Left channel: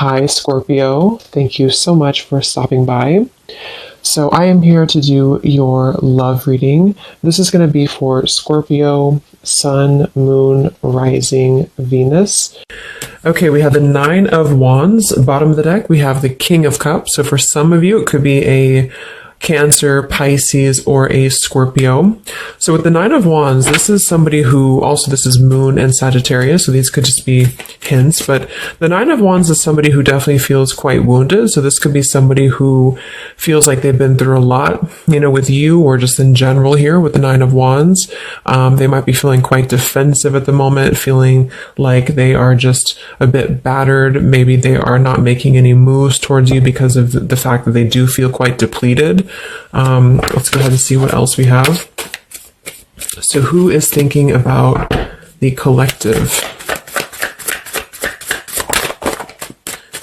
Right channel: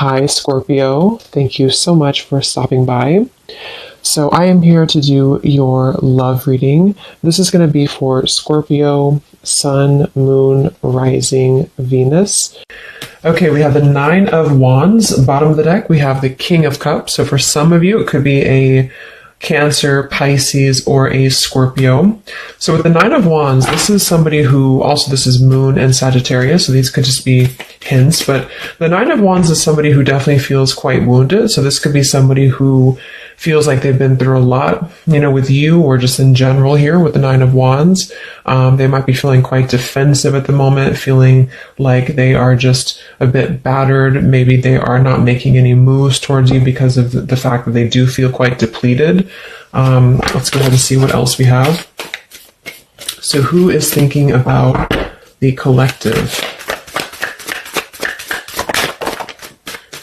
Hi, Scorpio. Thank you so much for stopping by. So, I am here to do your love reading. This is going to be for Scorpio, Sun, Moon, Rising, Venus. Okay, we have the Nine of Wands, bottom of the deck. We have the King of Cups. So, for some of you, it could be a Cancer, Pisces, or a Scorpio. So with the Nine of Wands, this is somebody who, also this is Moon and Sagittarius, so these could just be hints, but the Nine of Wands is somebody who definitely feels quite wounded. So this could be somebody who feels like they've been through a lot, with you or just in general here with the Nine of Wands. They might be feeling quite defensive at the moment, feeling like they are just a bit battered. Maybe they are not making any moves towards you because of the fact that they do feel quite depleted. Let's go ahead and see what else we have. So who is thinking about the collective?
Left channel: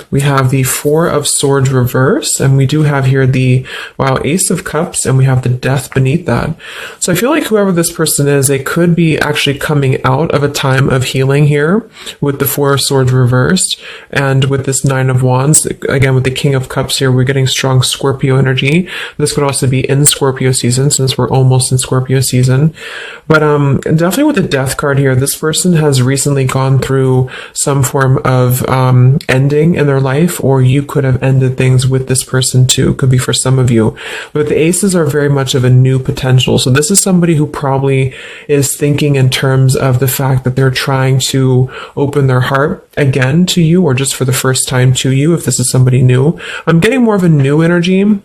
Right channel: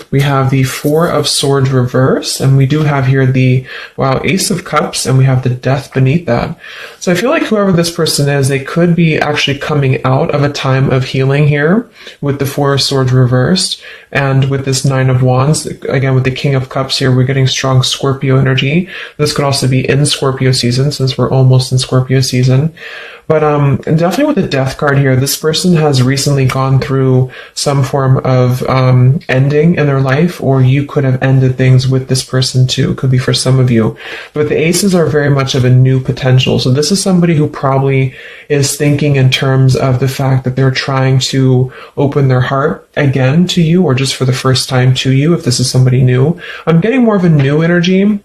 We have the Four of Swords reverse, and we do have here the, Ace of Cups, and we have the Death beneath that. So I feel like whoever this person is, they could be actually coming out of a time of healing here with the Four of Swords reversed, and with this Nine of Wands, again with the King of Cups here, we're getting strong Scorpio energy. This could also be in Scorpio season, since we're almost in Scorpio season. But definitely with the Death card here, this person has recently gone through some form of ending in their life, or you could have ended things with this person too. Could be for some of you. But the aces are very much of a new potential. So this is somebody who probably is thinking in terms of the fact that they're trying to open their heart again to you, or just for the first time to you, if this is somebody new. I'm getting more of a new energy.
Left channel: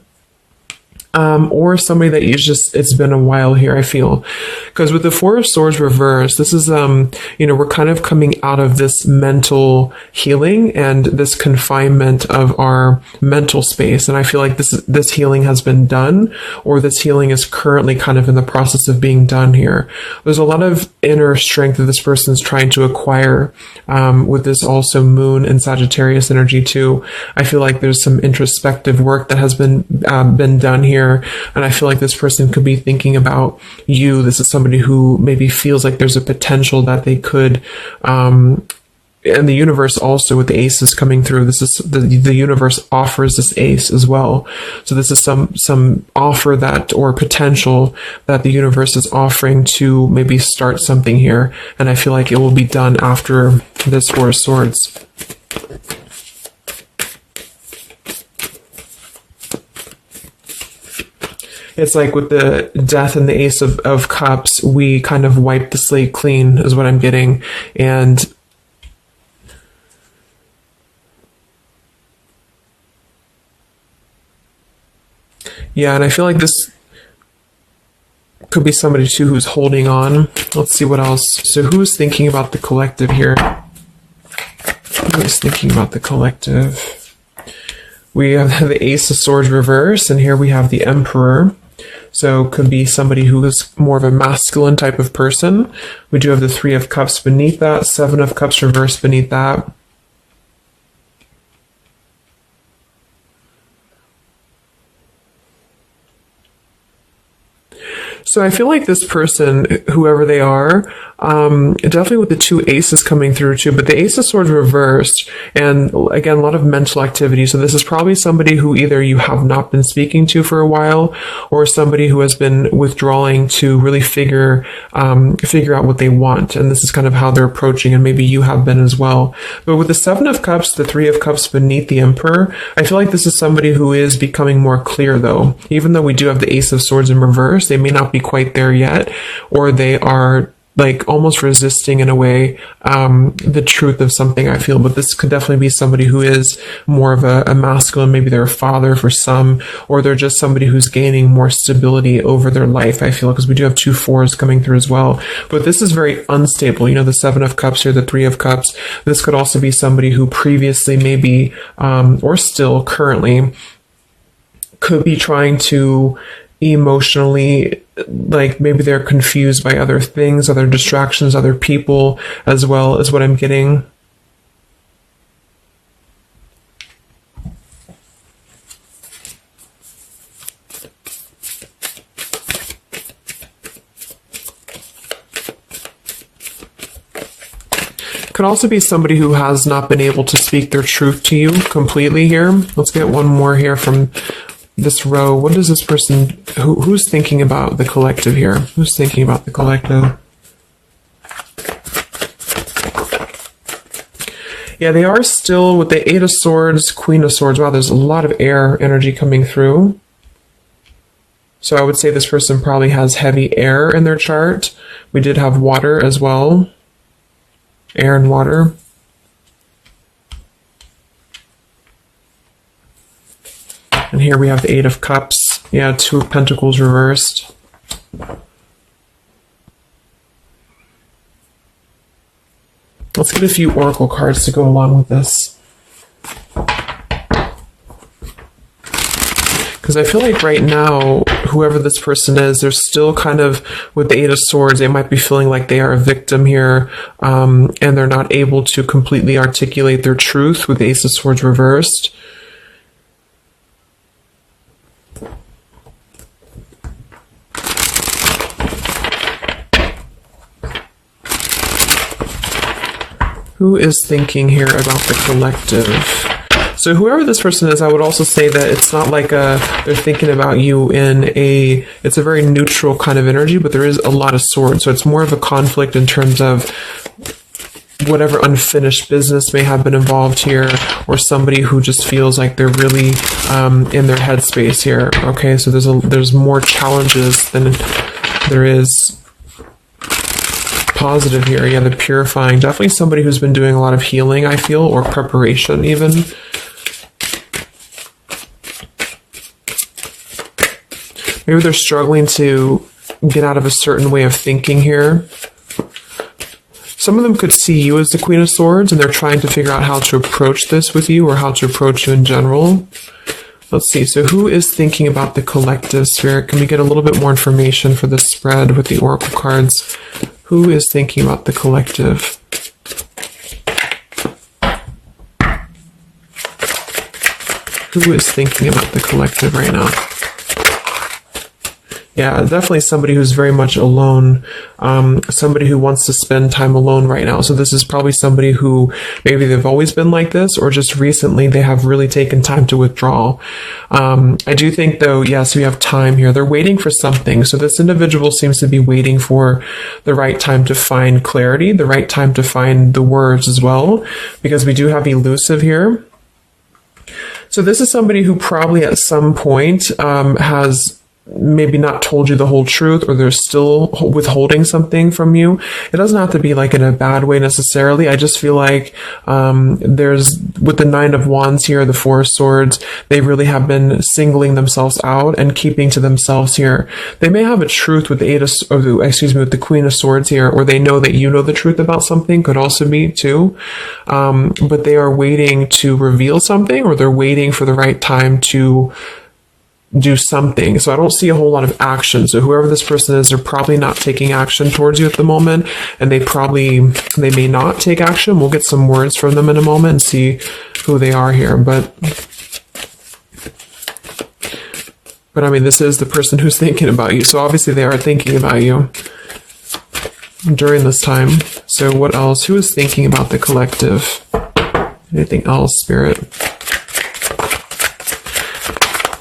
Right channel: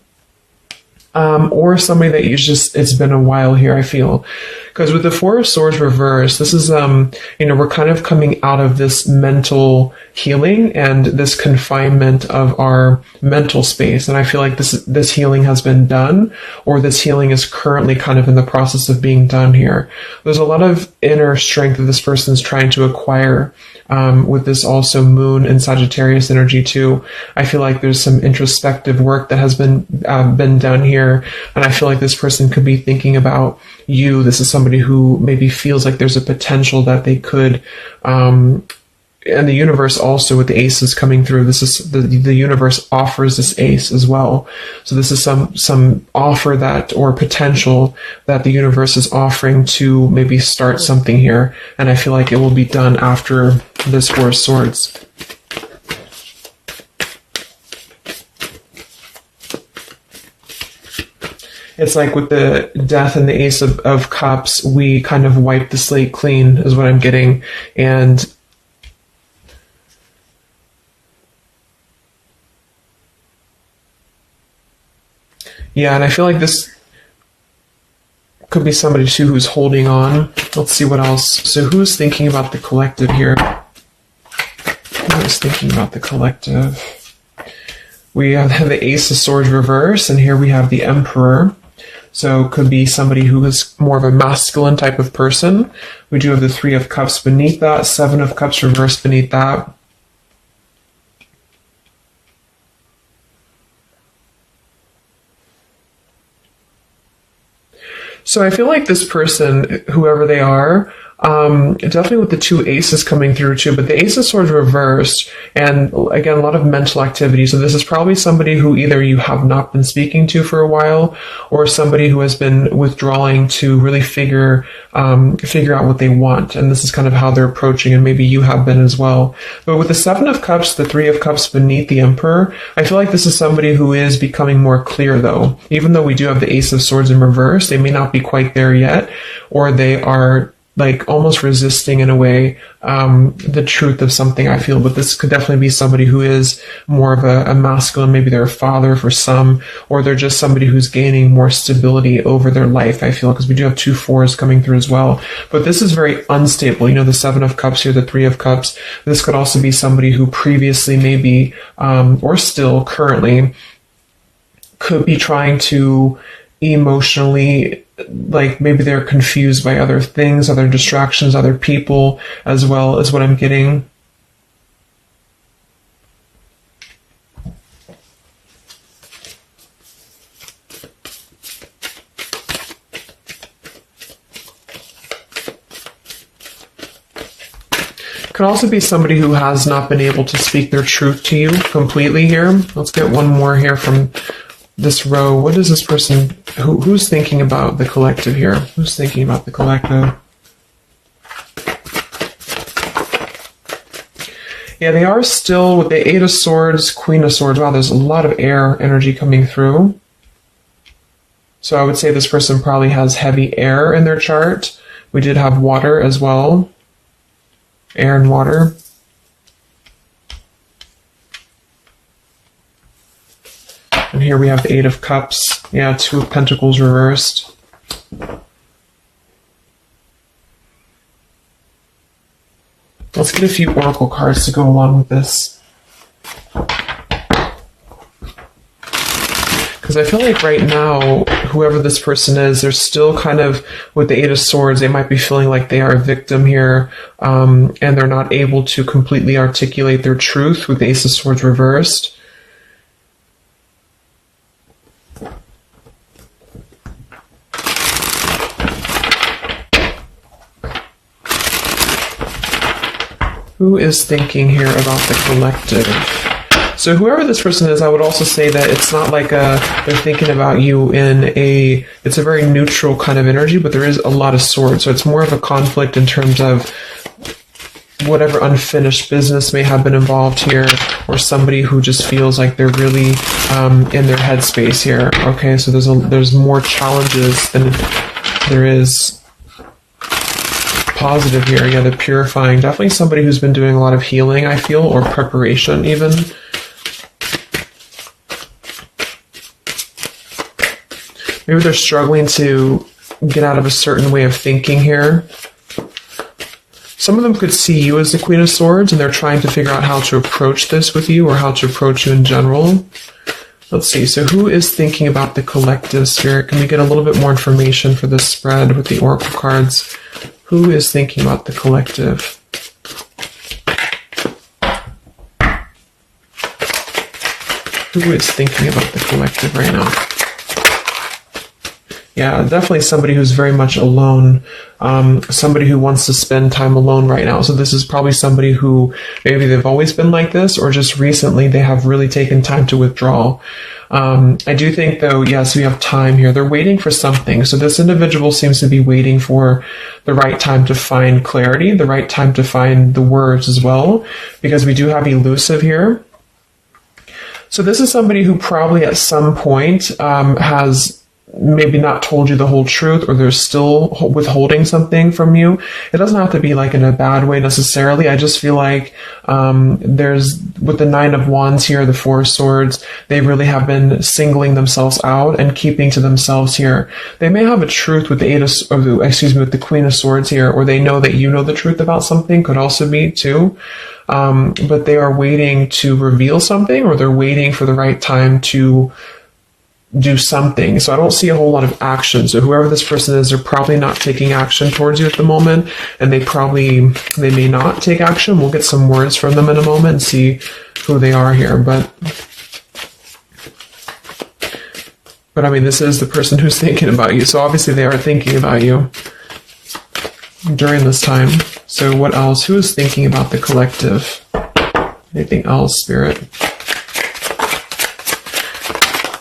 Or somebody that it's been a while here, I feel. Because with the Four of Swords reversed, this is, we're kind of coming out of this mental healing and this confinement of our mental space. And I feel like this healing has been done, or this healing is currently kind of in the process of being done here. There's a lot of inner strength that this person is trying to acquire, with this also Moon and Sagittarius energy too. I feel like there's some introspective work that has been done here. And I feel like this person could be thinking about you. This is somebody who maybe feels like there's a potential that they could, and the universe also with the aces coming through. This is the universe offers this ace as well. So this is some offer that, or potential that the universe is offering to maybe start something here. And I feel like it will be done after this Four of Swords. It's like with the Death and the Ace of Cups, we kind of wipe the slate clean, is what I'm getting. And yeah, and I feel like this could be somebody too who's holding on. Let's see what else. So who's thinking about the collective here? Who's thinking about the collective? We have the Ace of Swords reverse, and here we have the Emperor. So could be somebody who is more of a masculine type of person. We do have the Three of Cups beneath that, Seven of Cups reversed beneath that. So I feel like this person, whoever they are, definitely with the two aces coming through too, but the Ace of Swords reversed, and again, a lot of mental activity. So this is probably somebody who either you have not been speaking to for a while, or somebody who has been withdrawing to really figure out what they want. And this is kind of how they're approaching, and maybe you have been as well. But with the Seven of Cups, the Three of Cups beneath the Emperor, I feel like this is somebody who is becoming more clear though. Even though we do have the Ace of Swords in reverse, they may not be quite there yet, or they are like almost resisting in a way the truth of something, I feel. But this could definitely be somebody who is more of a masculine. Maybe they're a father for some, or they're just somebody who's gaining more stability over their life, I feel, because we do have two fours coming through as well. But this is very unstable. The Seven of Cups here, the Three of Cups. This could also be somebody who previously maybe, or still currently, could be trying to emotionally, like maybe they're confused by other things, other distractions, other people, as well as what I'm getting. could also be somebody who has not been able to speak their truth to you completely here. Let's get one more here from this row. What is this person, who's thinking about the collective here? Who's thinking about the collective? Yeah, they are still with the 8 of Swords, Queen of Swords. Wow, there's a lot of air energy coming through. So I would say this person probably has heavy air in their chart. We did have water as well. Air and water. And here we have the 8 of Cups. Yeah, 2 of Pentacles reversed. Let's get a few oracle cards to go along with this. Because I feel like right now, whoever this person is, they're still kind of, with the 8 of Swords, they might be feeling like they are a victim here, and they're not able to completely articulate their truth with the Ace of Swords reversed. Who is thinking here about the collective? So whoever this person is, I would also say that it's not like they're thinking about you in it's a very neutral kind of energy, but there is a lot of swords. So it's more of a conflict in terms of whatever unfinished business may have been involved here, or somebody who just feels like they're really in their headspace here. Okay, so there's more challenges than there is positive here. Again, the purifying. Definitely somebody who's been doing a lot of healing, I feel, or preparation even. Maybe they're struggling to get out of a certain way of thinking here. Some of them could see you as the Queen of Swords, and they're trying to figure out how to approach this with you, or how to approach you in general. Let's see. So who is thinking about the collective, Spirit? Can we get a little bit more information for this spread with the oracle cards? Who is thinking about the collective? Who is thinking about the collective right now? Yeah, definitely somebody who's very much alone. Somebody who wants to spend time alone right now. So this is probably somebody who maybe they've always been like this, or just recently they have really taken time to withdraw. I do think though, yes, we have time here. They're waiting for something. So this individual seems to be waiting for the right time to find clarity, the right time to find the words as well, because we do have elusive here. So this is somebody who probably at some point has maybe not told you the whole truth, or they're still withholding something from you. It doesn't have to be like in a bad way necessarily. I just feel like there's, with the 9 of Wands here, the 4 of Swords, they really have been singling themselves out and keeping to themselves here. They may have a truth with the with the Queen of Swords here, or they know that you know the truth about something, could also be too. But they are waiting to reveal something, or they're waiting for the right time to do something. So I don't see a whole lot of action. So whoever this person is, they're probably not taking action towards you at the moment, and they may not take action. We'll get some words from them in a moment and see who they are here. But I mean, this is the person who's thinking about you. So obviously they are thinking about you during this time. So what else? Who is thinking about the collective? Anything else, Spirit?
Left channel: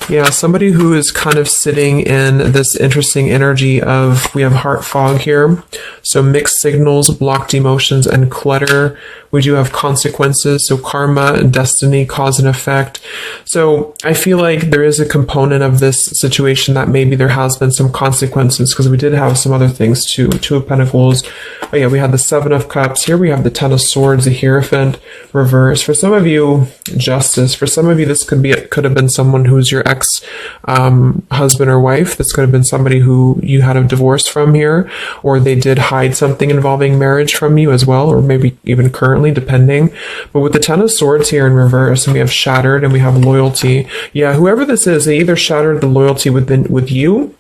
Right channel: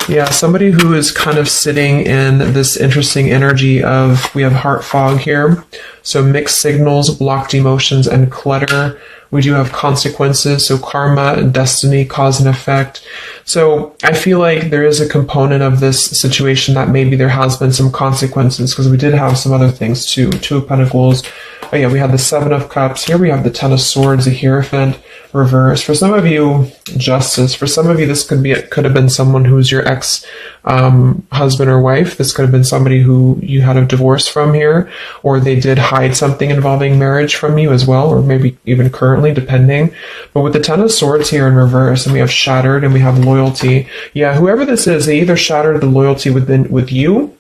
Yeah, somebody who is kind of sitting in this interesting energy of, we have heart fog here. So mixed signals, blocked emotions, and clutter. We do have consequences, so karma, destiny, cause and effect. So I feel like there is a component of this situation that maybe there has been some consequences, because we did have some other things too. 2 of Pentacles. Oh yeah, we have the 7 of Cups. Here we have the 10 of Swords, the Hierophant, reverse. For some of you, Justice. For some of you, this could have been someone who is your ex husband or wife. This could have been somebody who you had a divorce from here, or they did hide something involving marriage from you as well, or maybe even currently, depending. But with the 10 of Swords here in reverse, and we have shattered, and we have loyalty. Yeah, whoever this is, they either shattered the loyalty with you,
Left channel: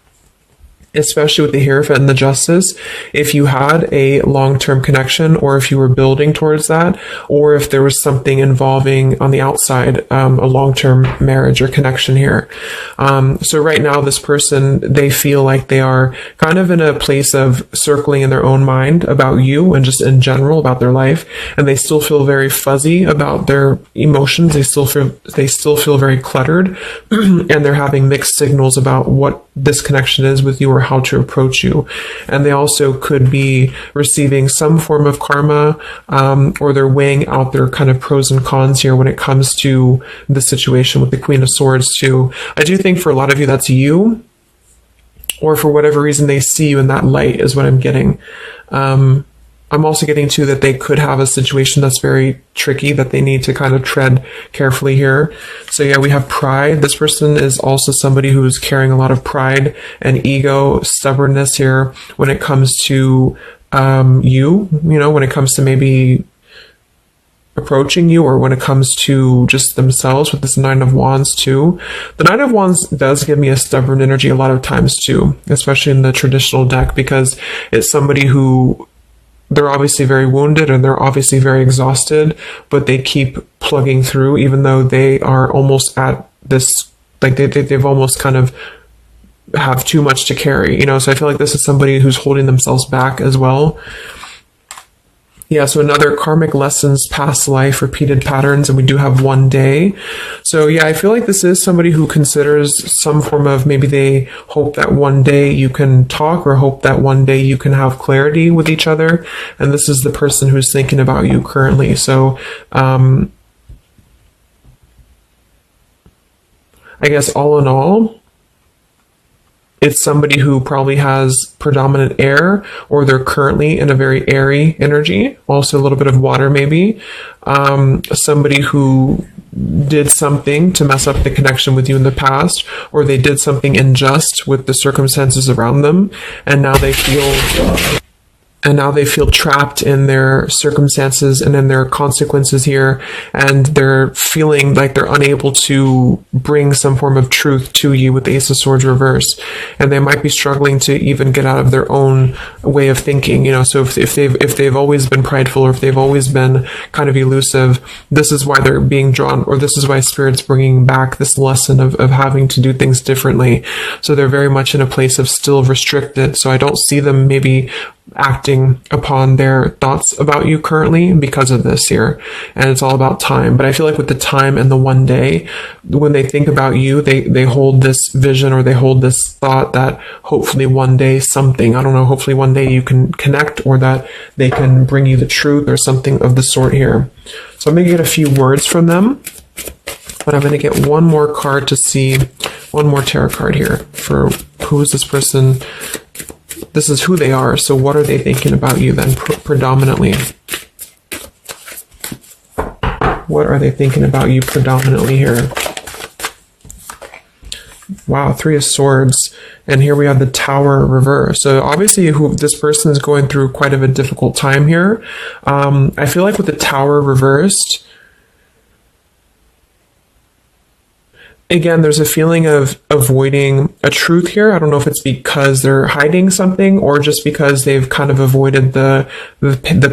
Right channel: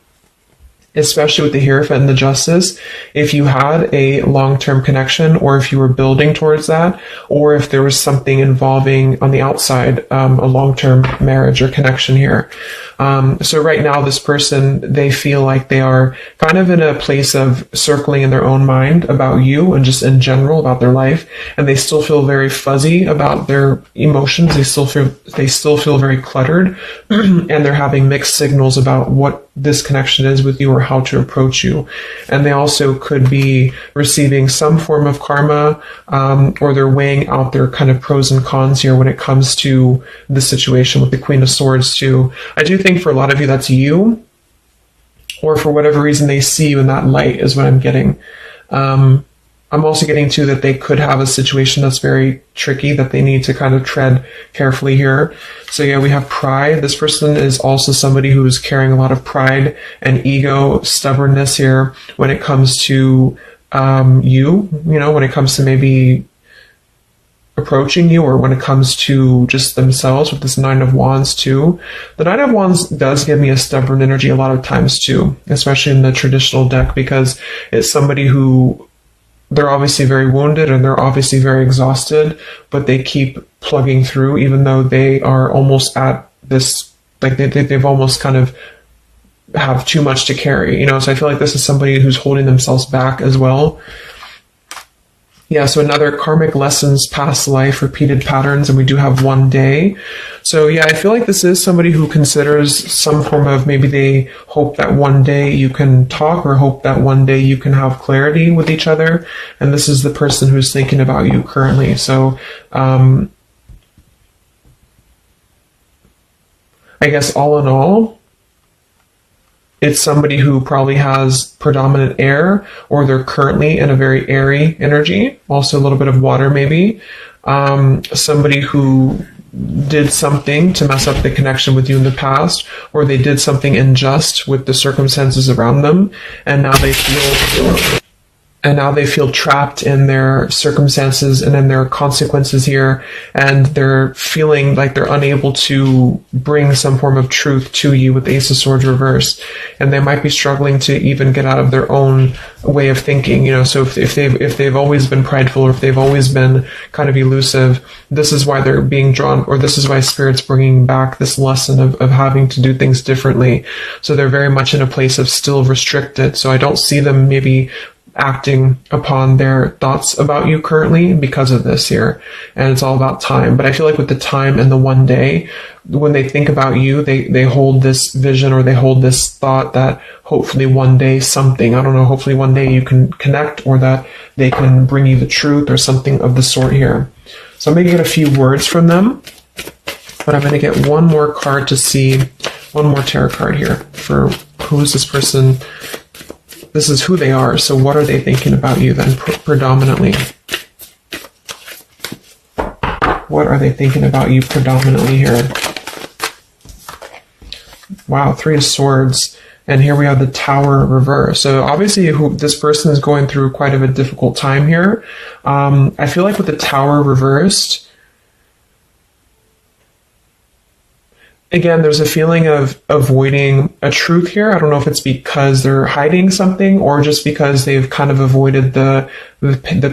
especially with the Hierophant and the Justice, if you had a long-term connection, or if you were building towards that, or if there was something involving on the outside, a long-term marriage or connection here. So right now, this person, they feel like they are kind of in a place of circling in their own mind about you and just in general about their life, and they still feel very fuzzy about their emotions. They still feel very cluttered, and they're having mixed signals about what this connection is with you or how to approach you. And they also could be receiving some form of karma, or they're weighing out their kind of pros and cons here when it comes to the situation with the Queen of Swords too. I do think for a lot of you that's you, or for whatever reason they see you in that light is what I'm getting. I'm also getting too that they could have a situation that's very tricky that they need to kind of tread carefully here. So yeah, we have pride. This person is also somebody who's carrying a lot of pride and ego, stubbornness here when it comes to when it comes to maybe approaching you, or when it comes to just themselves with this Nine of Wands too. The Nine of Wands does give me a stubborn energy a lot of times too, especially in the traditional deck, because it's somebody who, they're obviously very wounded and they're obviously very exhausted, but they keep plugging through even though they are almost at this, like they've almost kind of have too much to carry, so I feel like this is somebody who's holding themselves back as well. Yeah, so another karmic lessons, past life, repeated patterns, and we do have one day. So yeah, I feel like this is somebody who considers some form of, maybe they hope that one day you can talk, or hope that one day you can have clarity with each other. And this is the person who's thinking about you currently. So I guess all in all, it's somebody who probably has predominant air, or they're currently in a very airy energy, also a little bit of water maybe. Somebody who did something to mess up the connection with you in the past, or they did something unjust with the circumstances around them, and now they feel trapped in their circumstances and in their consequences here, and they're feeling like they're unable to bring some form of truth to you with the Ace of Swords reverse, and they might be struggling to even get out of their own way of thinking. So if they've always been prideful, or if they've always been kind of elusive, this is why they're being drawn, or this is why Spirit's bringing back this lesson of having to do things differently. So they're very much in a place of still restricted. So I don't see them maybe acting upon their thoughts about you currently because of this here, and it's all about time. But I feel like with the time and the one day, when they think about you, they hold this vision, or they hold this thought that hopefully one day something, I don't know, hopefully one day you can connect, or that they can bring you the truth or something of the sort here. So I'm going to get a few words from them, but I'm going to get one more card to see, one more tarot card here for who is this person. This is who they are. So what are they thinking about you then predominantly? What are they thinking about you predominantly here? Wow, Three of Swords. And here we have the Tower reverse. So obviously this person is going through quite of a difficult time here. I feel like with the Tower reversed, again, there's a feeling of avoiding a truth here. I don't know if it's because they're hiding something, or just because they've kind of avoided the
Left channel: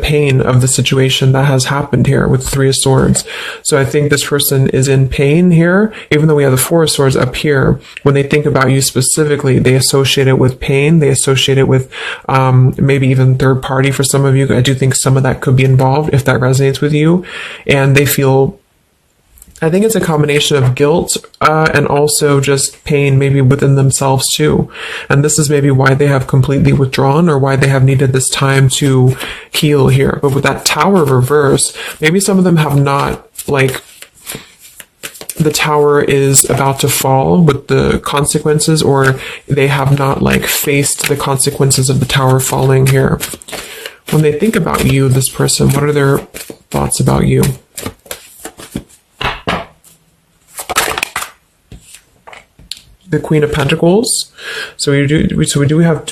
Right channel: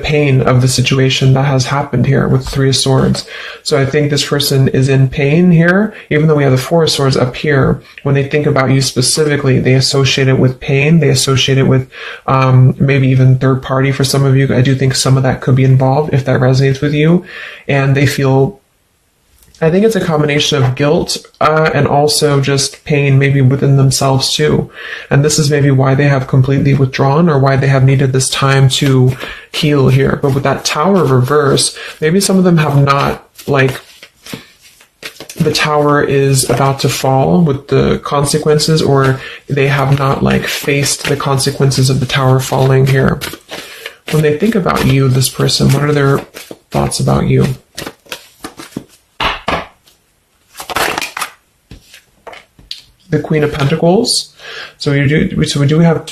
pain of the situation that has happened here with Three of Swords. So I think this person is in pain here, even though we have the Four of Swords up here. When they think about you specifically, they associate it with pain. They associate it with maybe even third party for some of you. I do think some of that could be involved if that resonates with you. And they feel, I think it's a combination of guilt and also just pain maybe within themselves too. And this is maybe why they have completely withdrawn, or why they have needed this time to heal here. But with that Tower reverse, maybe some of them have not, like, the tower is about to fall with the consequences, or they have not like faced the consequences of the tower falling here. When they think about you, this person, what are their thoughts about you? The Queen of Pentacles. So we do have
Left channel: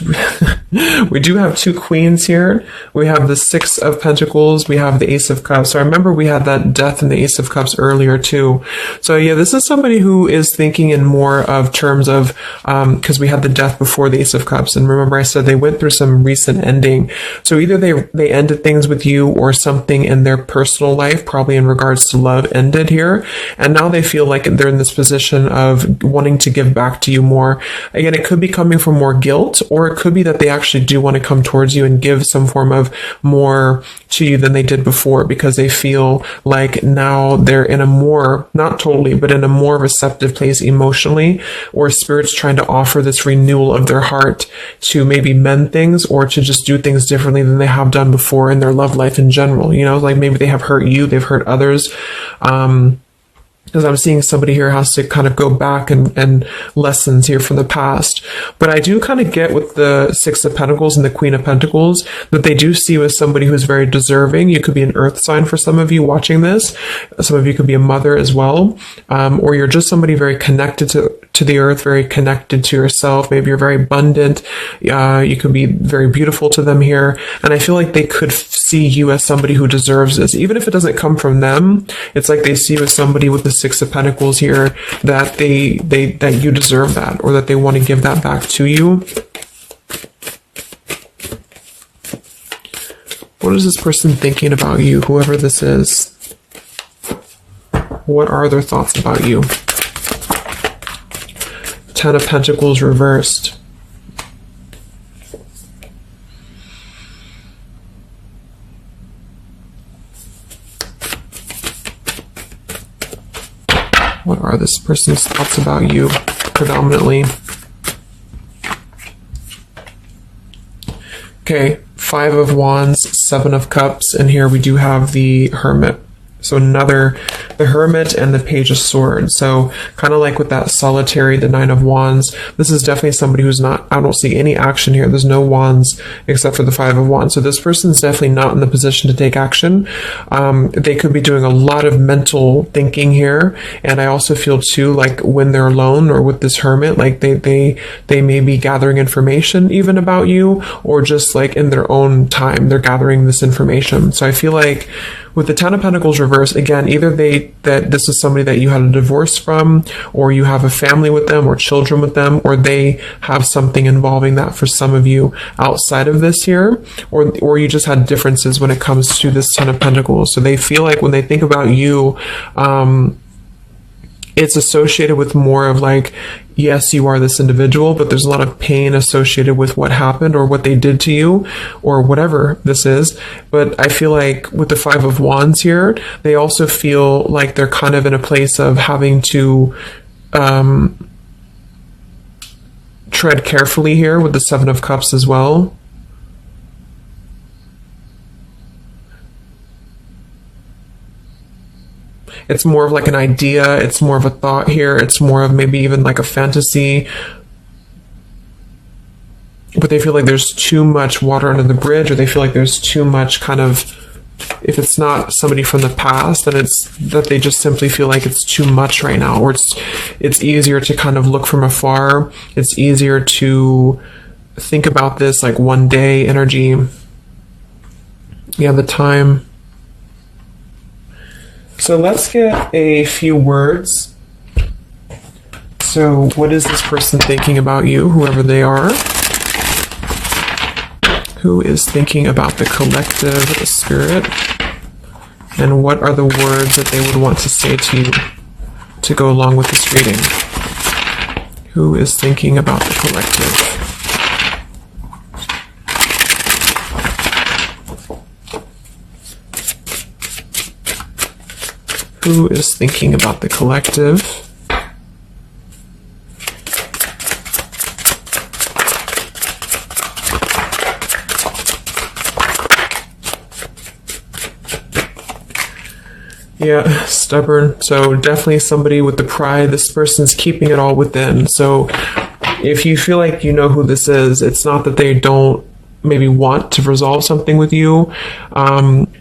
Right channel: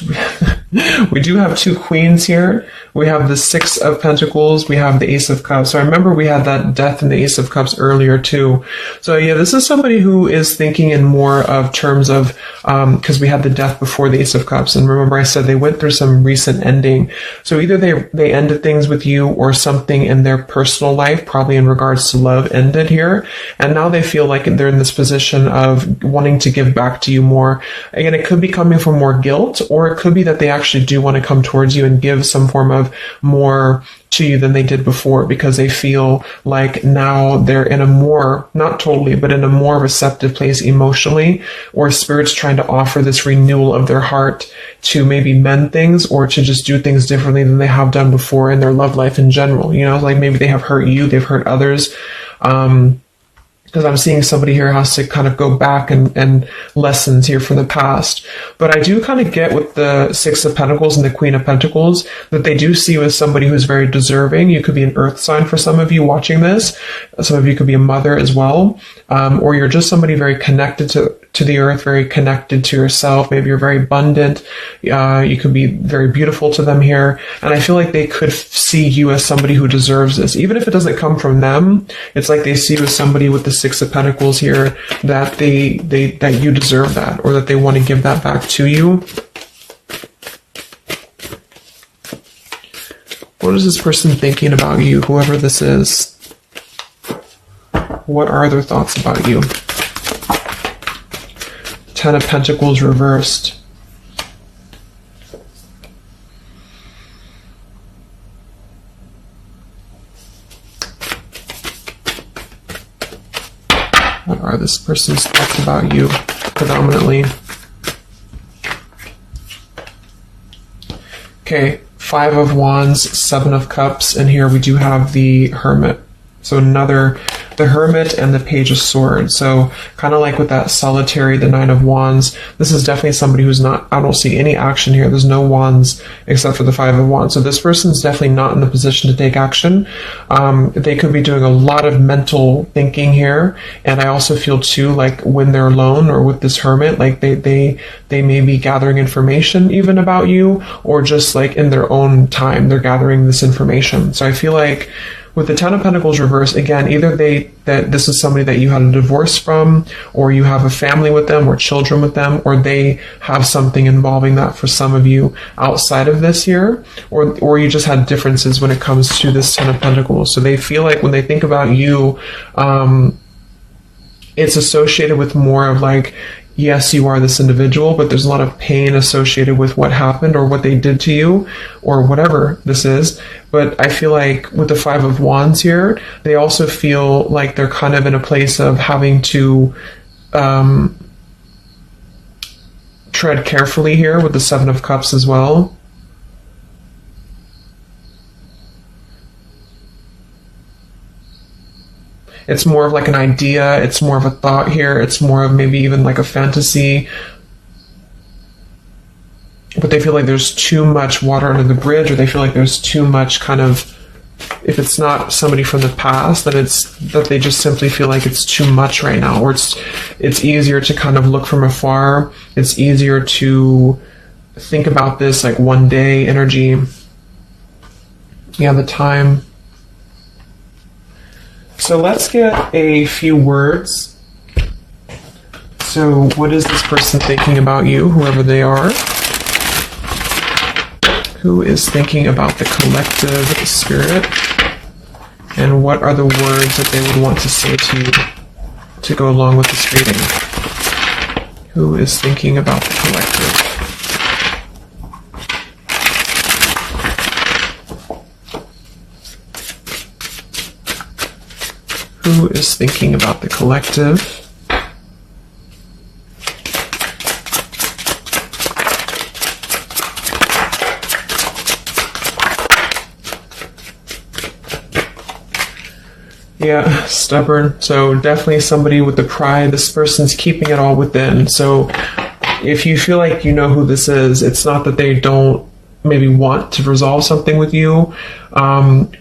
We do have two queens here. We have the Six of Pentacles. We have the Ace of Cups. So I remember we had that Death and the Ace of Cups earlier too. So yeah, this is somebody who is thinking in more of terms of, because we had the Death before the Ace of Cups. And remember I said they went through some recent ending. So either they ended things with you or something in their personal life, probably in regards to love, ended here. And now they feel like they're in this position of wanting to give back to you more. Again, it could be coming from more guilt, or it could be that they actually do want to come towards you and give some form of more to you than they did before, because they feel like now they're in a more, not totally, but in a more receptive place emotionally, or spirit's trying to offer this renewal of their heart to maybe mend things or to just do things differently than they have done before in their love life in general. You know, like maybe they have hurt you, they've hurt others. Because I'm seeing somebody here has to kind of go back and lessons here from the past. But I do kind of get with the Six of Pentacles and the Queen of Pentacles that they do see you as somebody who's very deserving. You could be an earth sign for some of you watching this. Some of you could be a mother as well. Or you're just somebody very connected to the earth, very connected to yourself. Maybe you're very abundant. You could be very beautiful to them here. And I feel like they could see you as somebody who deserves this. Even if it doesn't come from them, it's like they see you as somebody with the Six of Pentacles here, that that you deserve that, or that they want to give that back to you. What is this person thinking about you, whoever this is? What are their thoughts about you? Ten of Pentacles reversed. What are this person's thoughts about you, predominantly? Okay, Five of Wands, Seven of Cups, and here we do have the Hermit. So the Hermit and the Page of Swords. So kind of like with that solitary, the Nine of Wands, this is definitely somebody who's not, I don't see any action here. There's no wands except for the Five of Wands. So this person is definitely not in the position to take action. They could be doing a lot of mental thinking here. And I also feel too, like when they're alone or with this Hermit, like they may be gathering information even about you, or just like in their own time, they're gathering this information. So I feel like with the Ten of Pentacles reversed, again, either that this is somebody that you had a divorce from, or you have a family with them, or children with them, or they have something involving that for some of you outside of this year, or you just had differences when it comes to this Ten of Pentacles. So they feel like when they think about you, it's associated with more of like, yes, you are this individual, but there's a lot of pain associated with what happened or what they did to you or whatever this is. But I feel like with the Five of Wands here, they also feel like they're kind of in a place of having to tread carefully here with the Seven of Cups as well. It's more of like an idea. It's more of a thought here. It's more of maybe even like a fantasy. But they feel like there's too much water under the bridge, or they feel like there's too much kind of, if it's not somebody from the past, then it's that they just simply feel like it's too much right now, or it's easier to kind of look from afar. It's easier to think about this like one day energy. Yeah, the time. So let's get a few words. So what is this person thinking about you, whoever they are? Who is thinking about the collective spirit? And what are the words that they would want to say to you to go along with this reading? Who is thinking about the collective? Who is thinking about the collective? Yeah, stubborn. So definitely somebody with the pride. This person's keeping it all within. So if you feel like you know who this is, it's not that they don't maybe want to resolve something with you,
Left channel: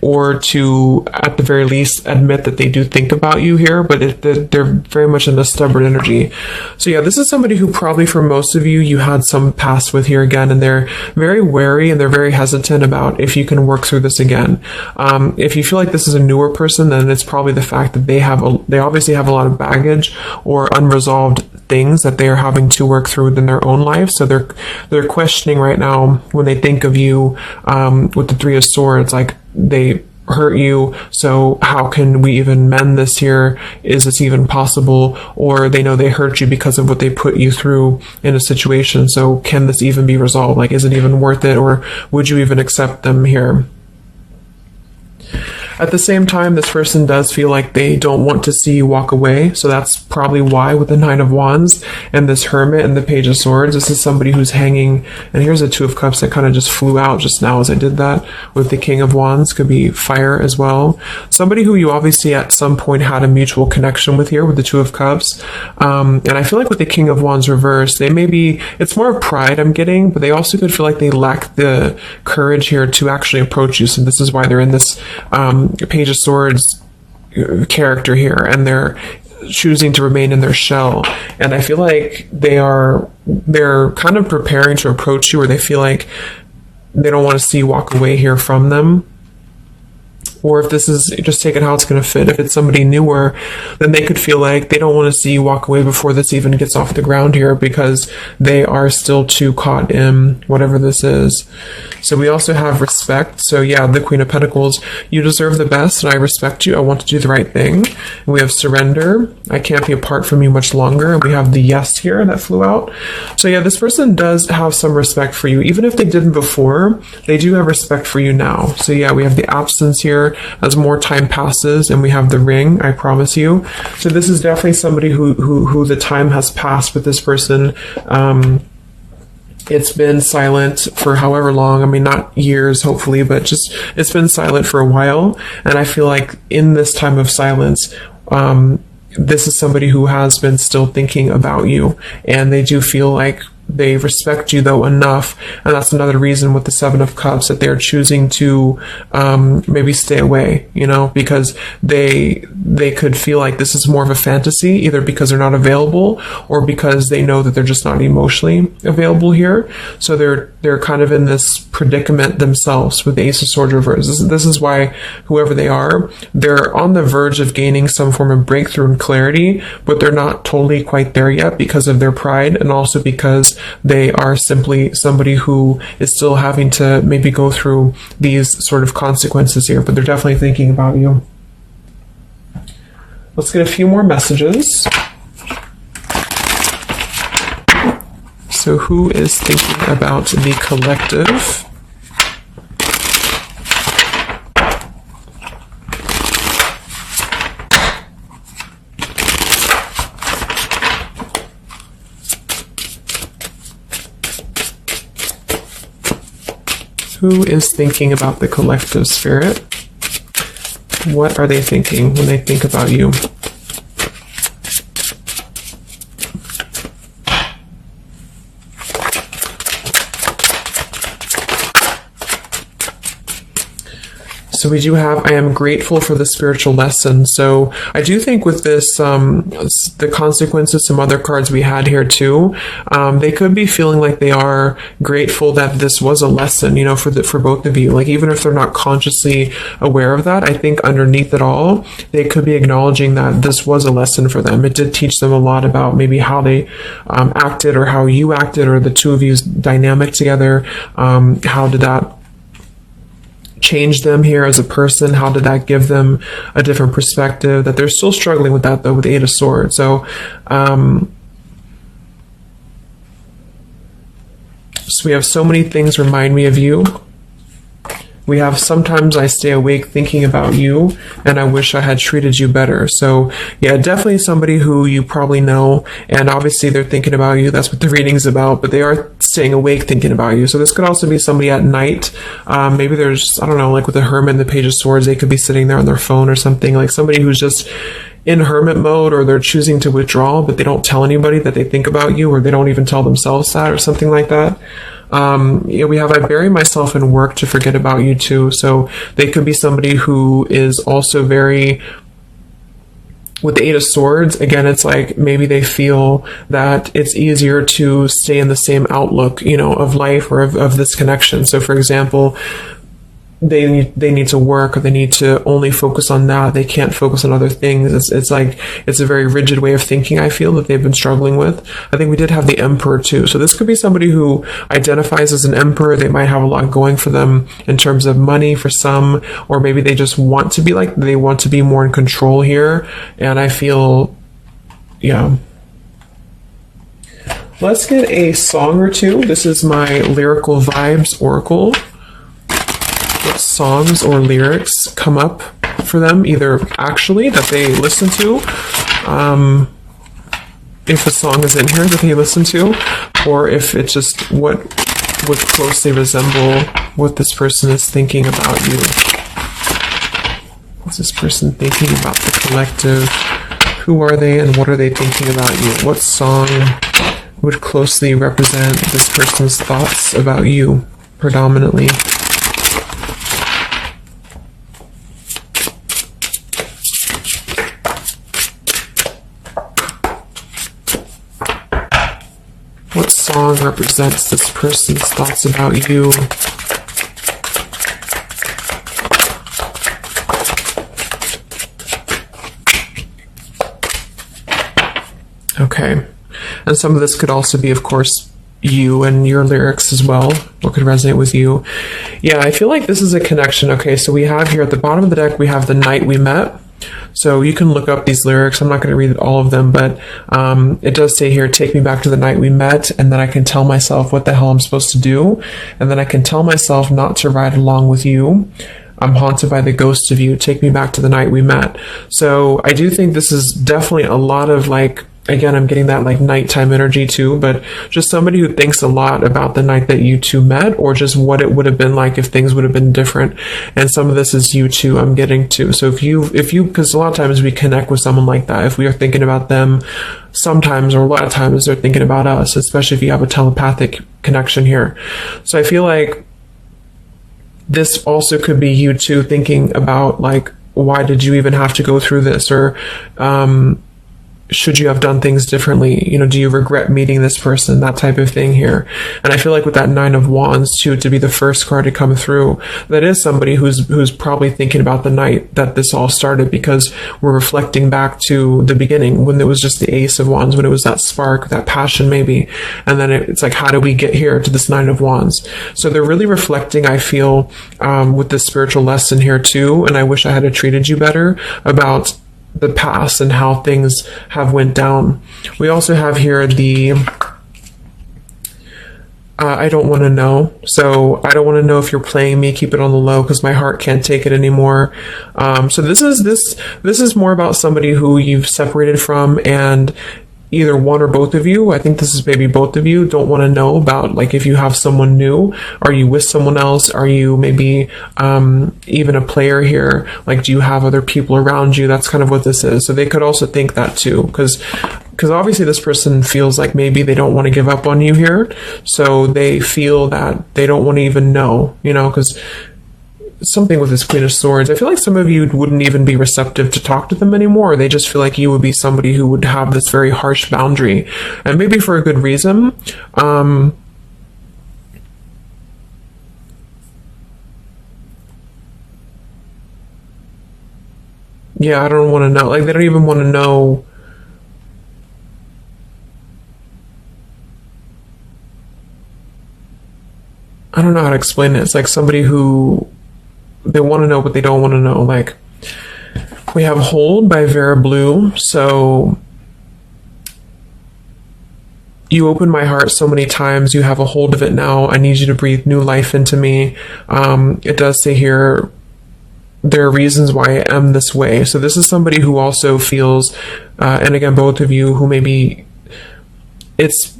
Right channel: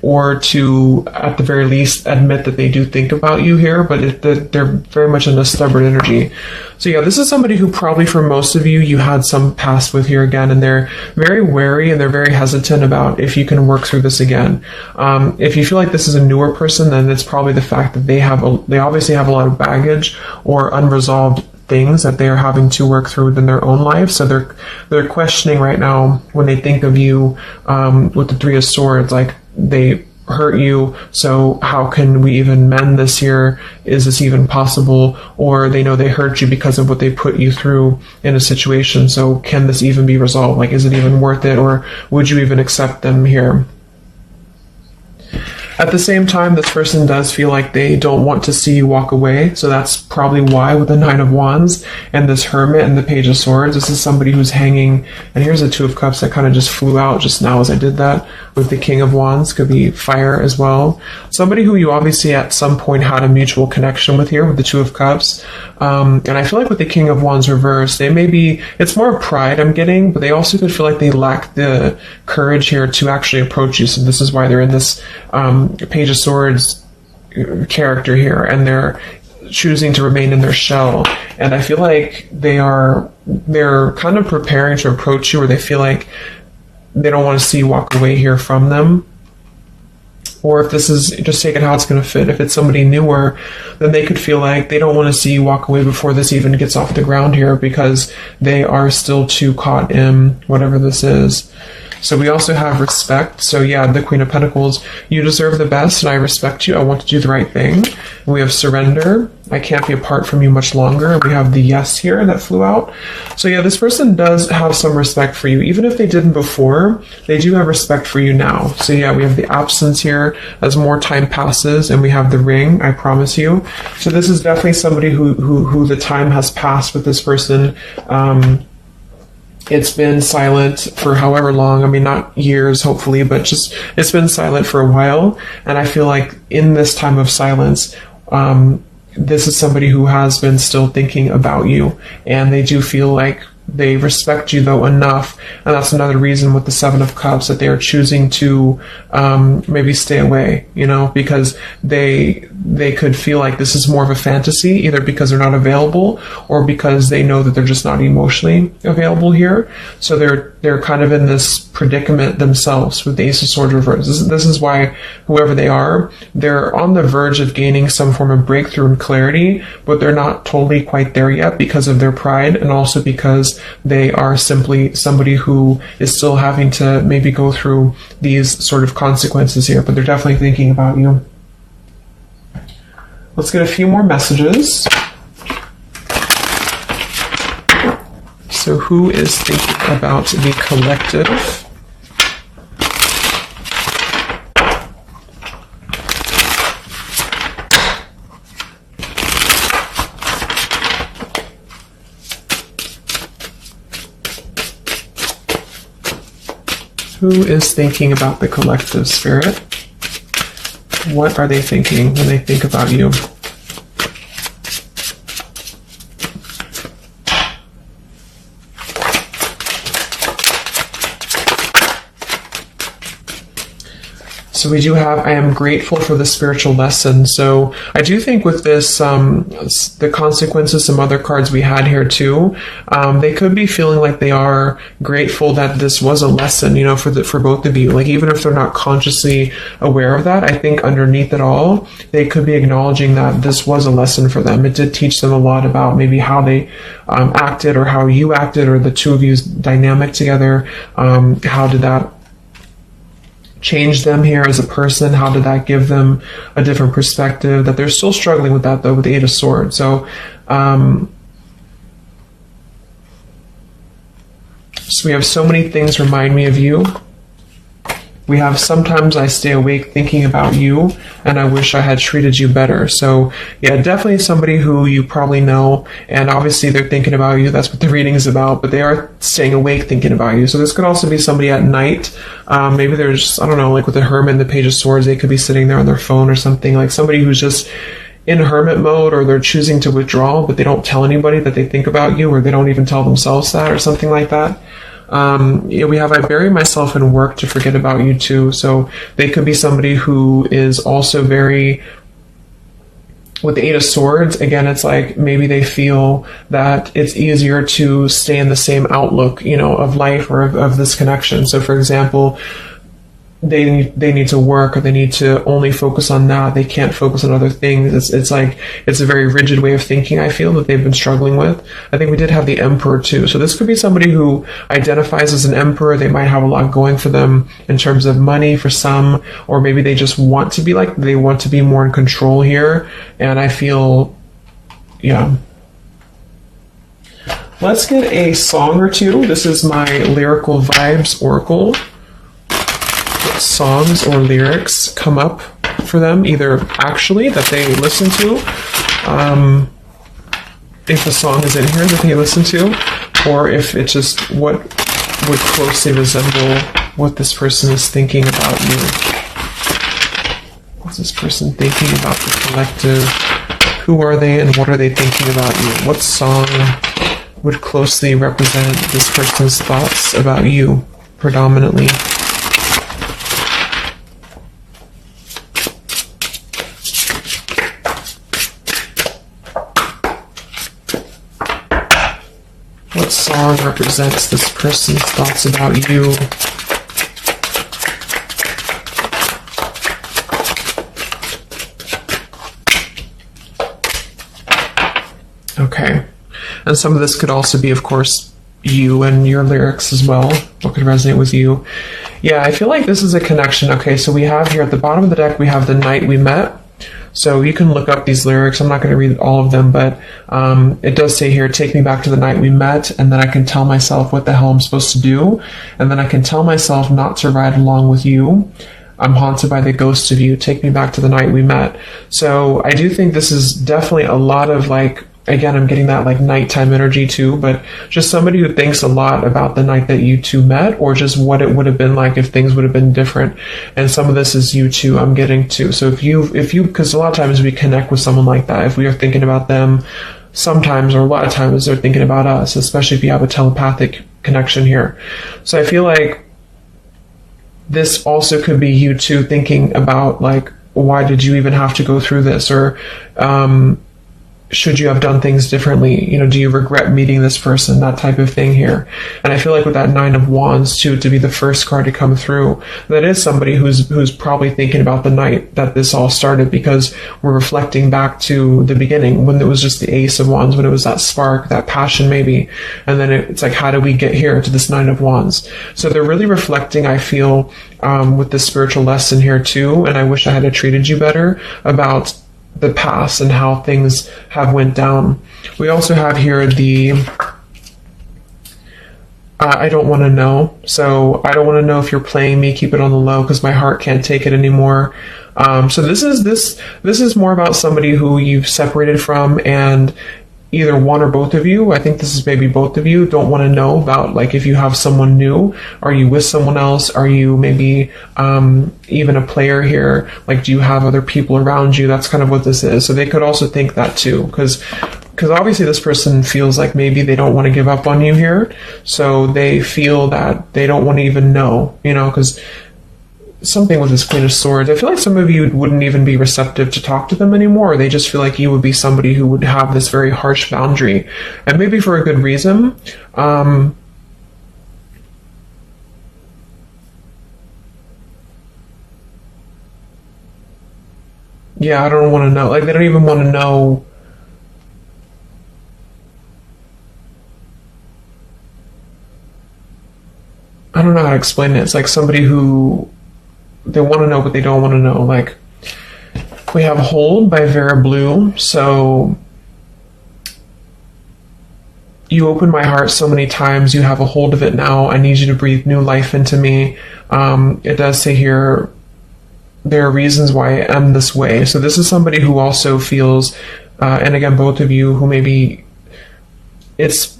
or to, at the very least, admit that they do think about you here, but they're very much in a stubborn energy. So yeah, this is somebody who probably for most of you, you had some past with here again, and they're very wary and they're very hesitant about if you can work through this again. If you feel like this is a newer person, then it's probably the fact that they obviously have a lot of baggage or unresolved things that they are having to work through in their own life. So they're questioning right now when they think of you, with the Three of Swords, like they hurt you, so how can we even mend this here? Is this even possible? Or they know they hurt you because of what they put you through in a situation, so can this even be resolved? Like, is it even worth it, or would you even accept them here? At the same time, this person does feel like they don't want to see you walk away, so that's probably why with the Nine of Wands and this Hermit and the Page of Swords, this is somebody who's hanging, and here's the Two of Cups that kind of just flew out just now as I did that, with the King of Wands, could be fire as well. Somebody who you obviously at some point had a mutual connection with here with the Two of Cups, and I feel like with the King of Wands reversed, they may be, it's more pride I'm getting, but they also could feel like they lack the courage here to actually approach you, so this is why they're in this Page of Swords character here, and they're choosing to remain in their shell. And I feel like they're kind of preparing to approach you, or they feel like they don't want to see you walk away here from them. Or if this is just taking how it's going to fit, if it's somebody newer, then they could feel like they don't want to see you walk away before this even gets off the ground here, because they are still too caught in whatever this is. So we also have respect. So yeah, the Queen of Pentacles, you deserve the best, and I respect you. I want to do the right thing. We have surrender. I can't be apart from you much longer. We have the yes here that flew out. So yeah, this person does have some respect for you. Even if they didn't before, they do have respect for you now. So yeah, we have the absence here as more time passes, and we have the ring, I promise you. So this is definitely somebody who the time has passed with this person. It's been silent for however long. I mean, not years, hopefully, but just it's been silent for a while. And I feel like in this time of silence, this is somebody who has been still thinking about you. And they do feel like they respect you, though, enough. And that's another reason with the Seven of Cups that they're choosing to maybe stay away, because they could feel like this is more of a fantasy, either because they're not available or because they know that they're just not emotionally available here. So they're kind of in this predicament themselves with the Ace of Swords reversed. This is why whoever they are, they're on the verge of gaining some form of breakthrough and clarity, but they're not totally quite there yet because of their pride, and also because they are simply somebody who is still having to maybe go through these sort of consequences here, but they're definitely thinking about you. Let's get a few more messages. So who is thinking about the collective? Who is thinking about the collective, Spirit? What are they thinking when they think about you? So we do have, I am grateful for the spiritual lesson. So I do think with this, the consequences, some other cards we had here too, they could be feeling like they are grateful that this was a lesson, for both of you. Like, even if they're not consciously aware of that, I think underneath it all, they could be acknowledging that this was a lesson for them. It did teach them a lot about maybe how they acted, or how you acted, or the two of you's dynamic together. How did that change them here as a person? How did that give them a different perspective? That they're still struggling with that, though, with the Eight of Swords. So, so we have so many things remind me of you. We have sometimes I stay awake thinking about you, and I wish I had treated you better. So yeah, definitely somebody who you probably know, and obviously they're thinking about you. That's what the reading's about, but they are staying awake thinking about you. So this could also be somebody at night. Maybe there's, I don't know, like with the Hermit and the Page of Swords, they could be sitting there on their phone or something, like somebody who's just in hermit mode, or they're choosing to withdraw, but they don't tell anybody that they think about you, or they don't even tell themselves that, or something like that. We have, I bury myself in work to forget about you too. So they could be somebody who is also very, with the Eight of Swords, again, it's like maybe they feel that it's easier to stay in the same outlook, of life or of this connection. So for example, they need to work, or they need to only focus on that. They can't focus on other things. It's like, it's a very rigid way of thinking, I feel, that they've been struggling with. I think we did have the Emperor too. So this could be somebody who identifies as an Emperor. They might have a lot going for them in terms of money for some, or maybe they just want to be they want to be more in control here. And I feel, yeah. Let's get a song or two. This is my Lyrical Vibes Oracle. What songs or lyrics come up for them, either actually that they listen to, if the song is in here that they listen to, or if it's just what would closely resemble what this person is thinking about you. What's this person thinking about the collective? Who are they and what are they thinking about you? What song would closely represent this person's thoughts about you predominantly? What song represents this person's thoughts about you? Okay. And some of this could also be, of course, you and your lyrics as well. What could resonate with you? Yeah, I feel like this is a connection. Okay, so we have here at the bottom of the deck, we have The Night We Met. So you can look up these lyrics. I'm not going to read all of them, but it does say here, take me back to the night we met, and then I can tell myself what the hell I'm supposed to do, and then I can tell myself not to ride along with you. I'm haunted by the ghost of you. Take me back to the night we met. So I do think this is definitely a lot of again, I'm getting that nighttime energy too, but just somebody who thinks a lot about the night that you two met, or just what it would have been like if things would have been different. And some of this is you too, I'm getting to. So if you, because a lot of times we connect with someone like that, if we are thinking about them, sometimes, or a lot of times they're thinking about us, especially if you have a telepathic connection here. So I feel like this also could be you too thinking about why did you even have to go through this? Or, should you have done things differently? Do you regret meeting this person? That type of thing here. And I feel like with that Nine of Wands too, to be the first card to come through, that is somebody who's probably thinking about the night that this all started, because we're reflecting back to the beginning when it was just the Ace of Wands, when it was that spark, that passion maybe. And then it's like, how do we get here to this Nine of Wands? So they're really reflecting, I feel, with this spiritual lesson here too. And I wish I had treated you better about the past and how things have went down. We also have here the I don't want to know. So I don't want to know if you're playing me. Keep it on the low because my heart can't take it anymore. So this is more about somebody who you've separated from, and either one or both of you, I think this is maybe both of you, don't want to know about if you have someone new. Are you with someone else? Are you maybe even a player here? Do you have other people around you? That's kind of what this is. So they could also think that too, because obviously this person feels like maybe they don't want to give up on you here. So they feel that they don't want to even know, because something with this Queen of Swords, I feel like some of you wouldn't even be receptive to talk to them anymore. They just feel like you would be somebody who would have this very harsh boundary, and maybe for a good reason. Yeah, I don't want to know. They don't even want to know. I don't know how to explain it. It's like somebody who they want to know, but they don't want to know. We have Hold by Vera Blue. So you opened my heart so many times. You have a hold of it now. I need you to breathe new life into me. It does say here, there are reasons why I am this way. So this is somebody who also feels, and again, both of you who maybe it's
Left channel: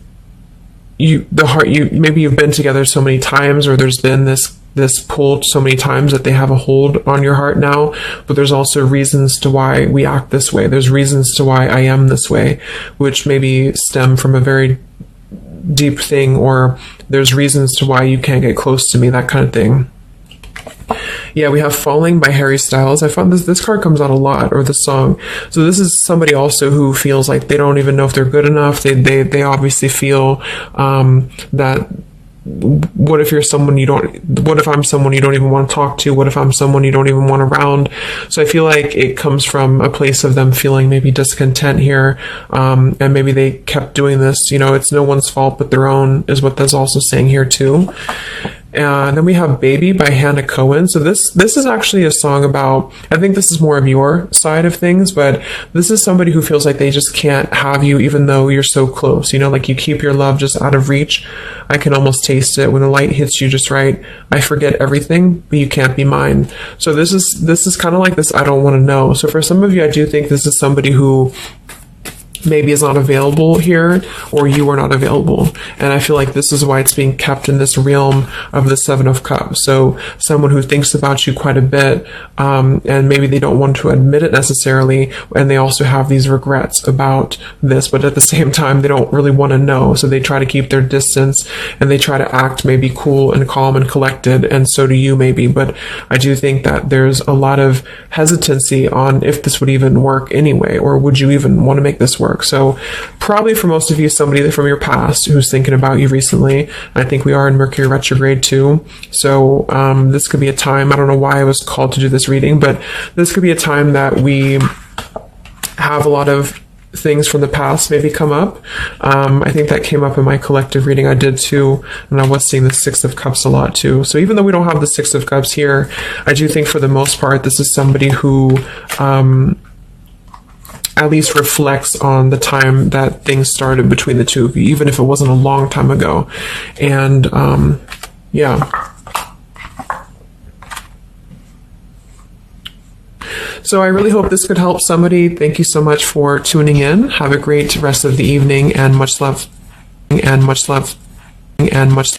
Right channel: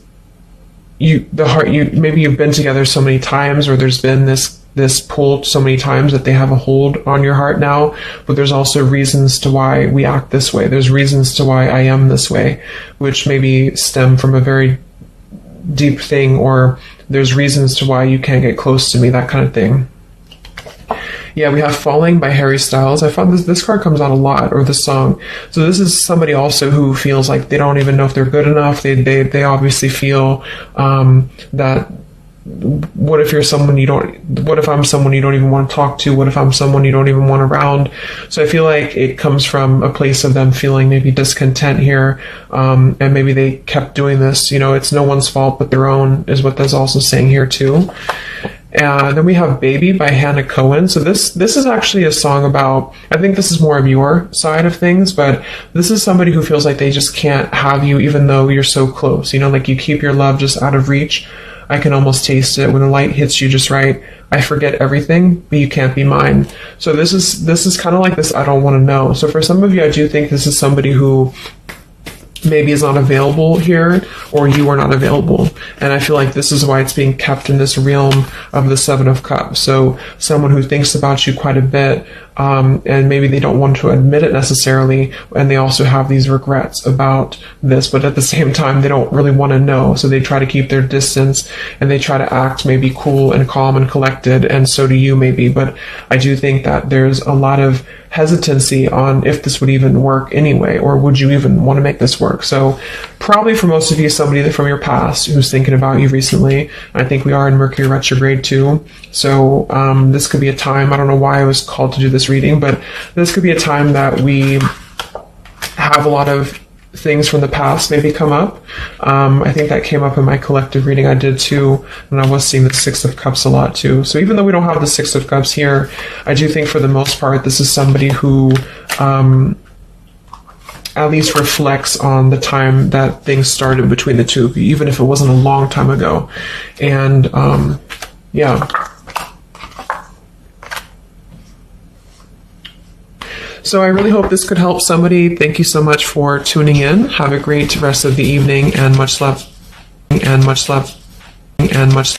maybe you've been together so many times, or there's been this pull so many times that they have a hold on your heart now, but there's also reasons to why we act this way. There's reasons to why I am this way, which maybe stem from a very deep thing, or there's reasons to why you can't get close to me, that kind of thing. Yeah, we have Falling by Harry Styles. I found this card comes out a lot, or this song. So this is somebody also who feels like they don't even know if they're good enough. They obviously feel that what if I'm someone you don't even want to talk to? What if I'm someone you don't even want around? So I feel like it comes from a place of them feeling maybe discontent here, and maybe they kept doing this. It's no one's fault but their own, is what that's also saying here too. And then we have Baby by Hannah Cohen. So this is actually a song about, I think this is more of your side of things, but this is somebody who feels like they just can't have you even though you're so close. Like you keep your love just out of reach. I can almost taste it when the light hits you just right. I forget everything, but you can't be mine. So this is kind of like this I don't want to know. So for some of you, I do think this is somebody who maybe is not available here, or you are not available. And I feel like this is why it's being kept in this realm of the Seven of Cups. So someone who thinks about you quite a bit, and maybe they don't want to admit it necessarily, and they also have these regrets about this, but at the same time, they don't really want to know. So they try to keep their distance, and they try to act maybe cool and calm and collected, and so do you maybe. But I do think that there's a lot of hesitancy on if this would even work anyway, or would you even want to make this work? So probably for most of you, somebody from your past who's thinking about you recently. I think we are in Mercury retrograde too. So this could be a time, I don't know why I was called to do this reading, but this could be a time that we have a lot of things from the past maybe come up. I think that came up in my collective reading I did too, and I was seeing the Six of Cups a lot too. So even though we don't have the Six of Cups here, I do think for the most part this is somebody who at least reflects on the time that things started between the two of you, even if it wasn't a long time ago. And yeah. So I really hope this could help somebody. Thank you so much for tuning in. Have a great rest of the evening, and much love, and much love, and much